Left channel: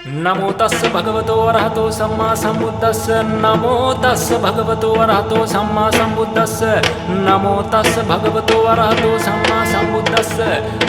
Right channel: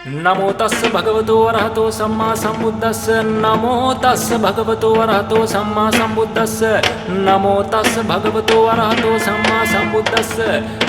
नमो तस्स भगवतो अरहतो सम्मा सम्बुद्धस्स नमो तस्स भगवतो अरहतो सम्मा सम्बुद्धस्स नमो तस्स भगवतो अरहतो सम्मा सम्बुद्धस्स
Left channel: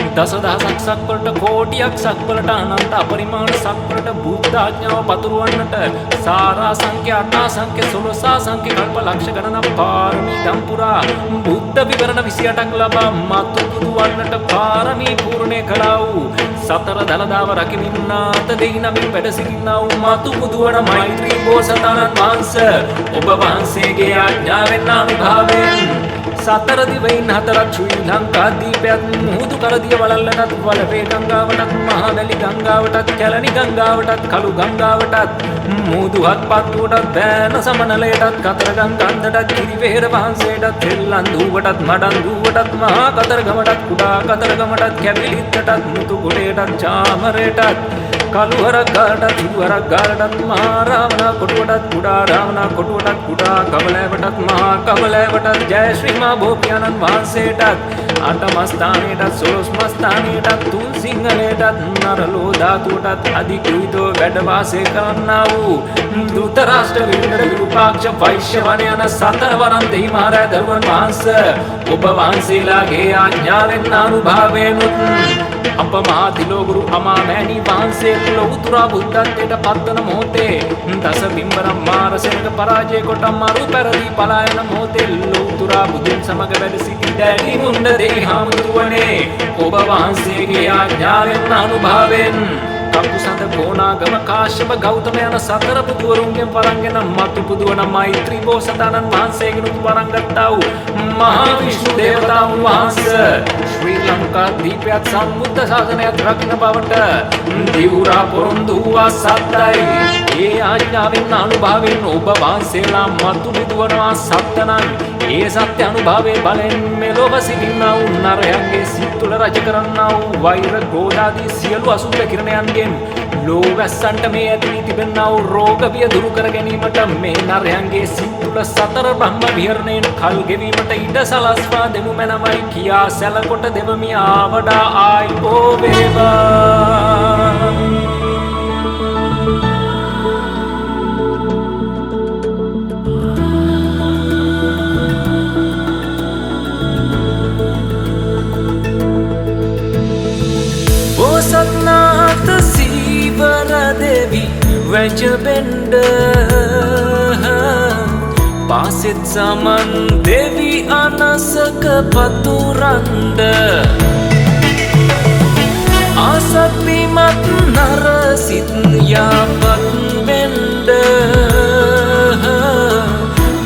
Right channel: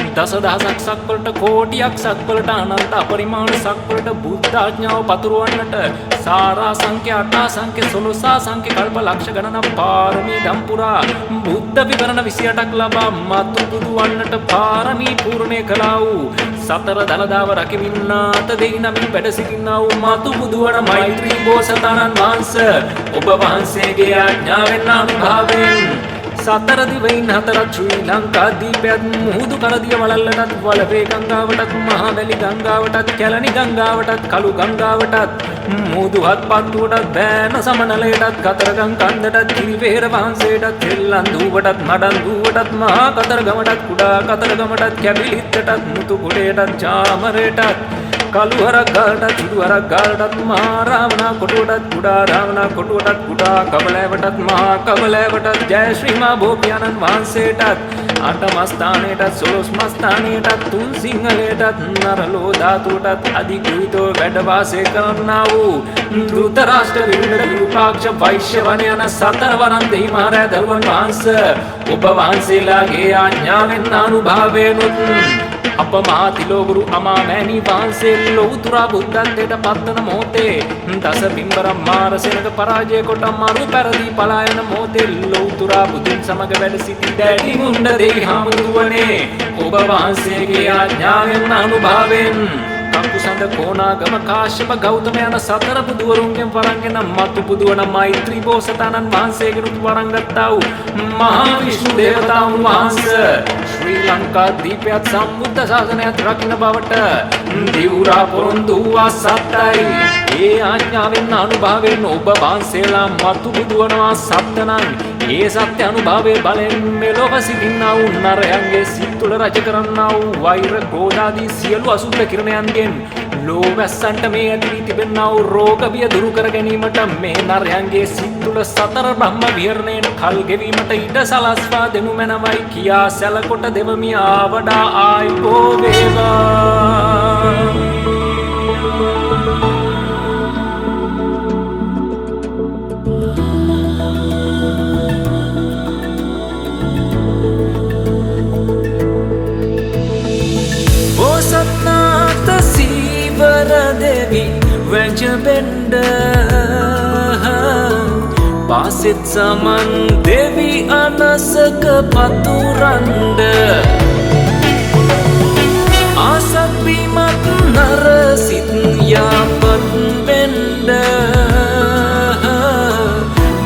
දසදහසක් සක්වලට කෝටියක් සක්වලට අනන්ත අපරිමාණ සක්වලට බුද්ධ ආඥාව පතුරවන්නට සාරා සංඛ්‍ය අටා සංඛ්‍ය 16 සංඛ්‍ය කල්ප ලක්ෂ ගණනක් පාරමී දම් පුරා බුද්ධ විවරණ 28ක් ලබා මතු බුදු වන්නට පාරමී පූර්ණේ කළා වූ සතර දලදාව රකිමින්නාත දෙයි නමින් වැඩ සිටිනා වූ මතු බුදු වන මෛත්‍රී බෝසතාණන් වහන්සේ ඔබ වහන්සේගේ ආඥාවෙන් අනුභවයෙන් සතර දිවයින් හතරක් ශ්‍රී ලංකා දීපයත් මුහුදු කරදිය වලල්ලටත් වලවේ ගංගාවටත් මහවැලි ගංගාවටත් කැලණි ගංගාවටත් කළු ගංගාවටත් මුහුදු හත්පත්තුවටත් බෑන සමනලයටත් කතරගම් කන්දටත් කිරිවෙහෙර වහන්සේටත් තෙල්ලන්දුවටත් මඩන්දුවටත් මහා කතරගමටත් කුඩා කතරගමටත් කැබිලිත්තටත් මුතුකොටයටත් චාමරයටත් කළුහරක් ගාලටත් හිදුහරක් ගාලටත් මහා රාවණා කොටුවටත් කුඩා රාවණා කොටුවටත් කුඩා කබලෑවටත් මහා කබලෑවටත් ජය ශ්‍රී මා බෝපියාණන් වහන්සේටත් අටමස්ථානයටත් සොළොස්මස්ථානයටත් තුන් සිංහලයටත් නරලෝ ධාතුවටත් අධිකෘහිතව වැඩ වාසය කරන්නා වූ ධෘතරාෂ්ට්‍ර විරුණ විරූපාක්ෂ වෛශ්‍යවන යන සතරවරන් දෙහි මහරෑ දරුවන් වහන්සේ ඔබ වහන්සේලාගේ ආඥාවෙන් අනුභවයෙන්ුත් අප මහා තිලෝගුරු අමාමෑණී වහන්සේ ලෞතුරා බුද්ධත්වයට පත්වන මොහොතේ දස බිම්බරම් මාරසෙනග පරාජය කොට මරු පැරදී පලා යන මොහොතේ ලෞතුරා බුදුන් සමග වැඩ සිටි දැඩි මුණ්ඩ දෙවි හාමුදුරුවනේ ඔබ වහන්සේගේ ආඥාවෙන් අනුභවයෙන් කපුසඳ කෝනාගම කාශ්‍යප ගෞතම යන සතර බුදුවරුන්ගෙන් වරන්ගෙන මතු බුදුවන මෛත්‍රී බෝසතාණන් වහන්සේගෙනුත් වරන් ගත්තා වූ මහා විෂ්ණු දේවතාවුන් වහන්සේ ශ්‍රී ලංකා දීපයත් සම්බුද්ධ ශාසනයත් රකින්න බවට දිවුරා පොරොන්දු වූවා සත්‍යයි. ඒ ආඥාවෙන් අනුභවයෙන් ඔබ වහන්සේලා මතු බුදුවනවා සත්‍යනම් ඒ සත්‍ය අනුභවයේ බලෙන් මෙලොව සිටින්නා වූ නරයන්ගේ සිත් තුළ රජ කරන්නා වූ වෛර ක්‍රෝධාදී සියලු අසුභ කිරණයන්ගෙන් ලෝවැස්සන්ට මේ ඇති වී තිබෙන්නා වූ රෝග බිය දුරු කර ගැනීමට මේ නරයන්ගේ සිත් තුළ සතර බ්‍රහ්ම විහරණයෙන් කල් ගෙවීමට ඉඩ සලස්වා දෙනු මැනවයි කියා සැලකොට දෙවමි ආවඩා ආයිබෝ වේවා. බෝසත්නාත සීවර දෙවි වැජබෙන්ඩ පාසෙත් සමන් දෙවි අනසක පතුරන්ඩ ආසත් බිමත් නරසිත් යාපත් වෙන්ඩ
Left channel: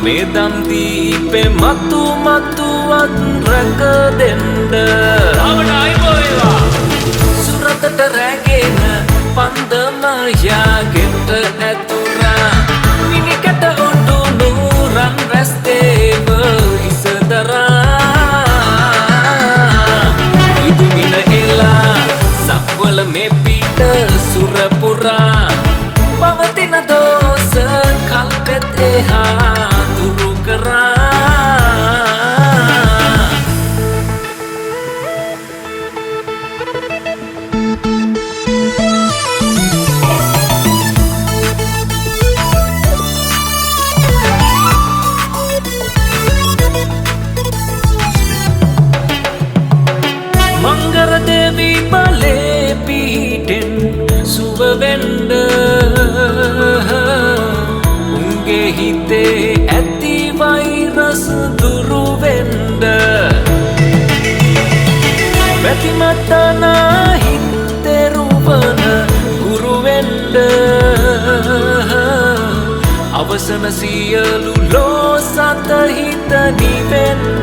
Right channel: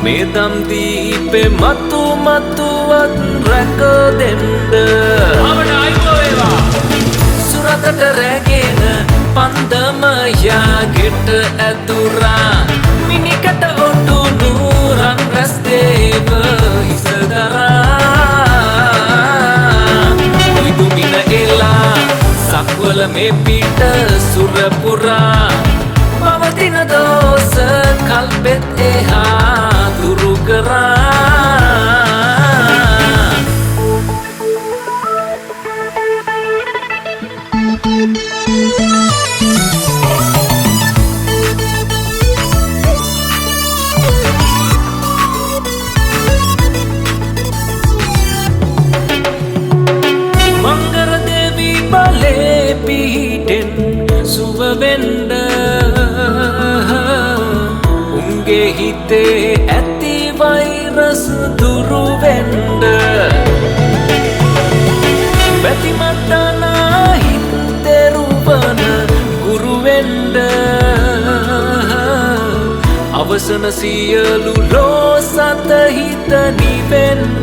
මේදම් දීපෙ මතු මතුවත් රැක දෙන්ඩ අවඩ අයිබෝ වේවා. සුරතට රැගෙන පන්දමයා ගෙට ඇතුරා මිනිකට ඔටු නූරන් රැස්තේව ඉසදරා ඉදුමින එලා සක්වල මේ පිට සුරපුරා පවතින දෝස කල්පෙත් එහා දුරු කරා. මංගර දෙවි බලේ පිහිටෙන් සුවවෙන්ඩ උන්ගේ හිතේ ඇති වෛරස් දුරුවෙන්ඩ බැතිමට්ටනා හිත් තෙරුවන ගුරුවෙන්ඩ අවසන සියලු ලෝ සත හිත නිවෙන්ඩ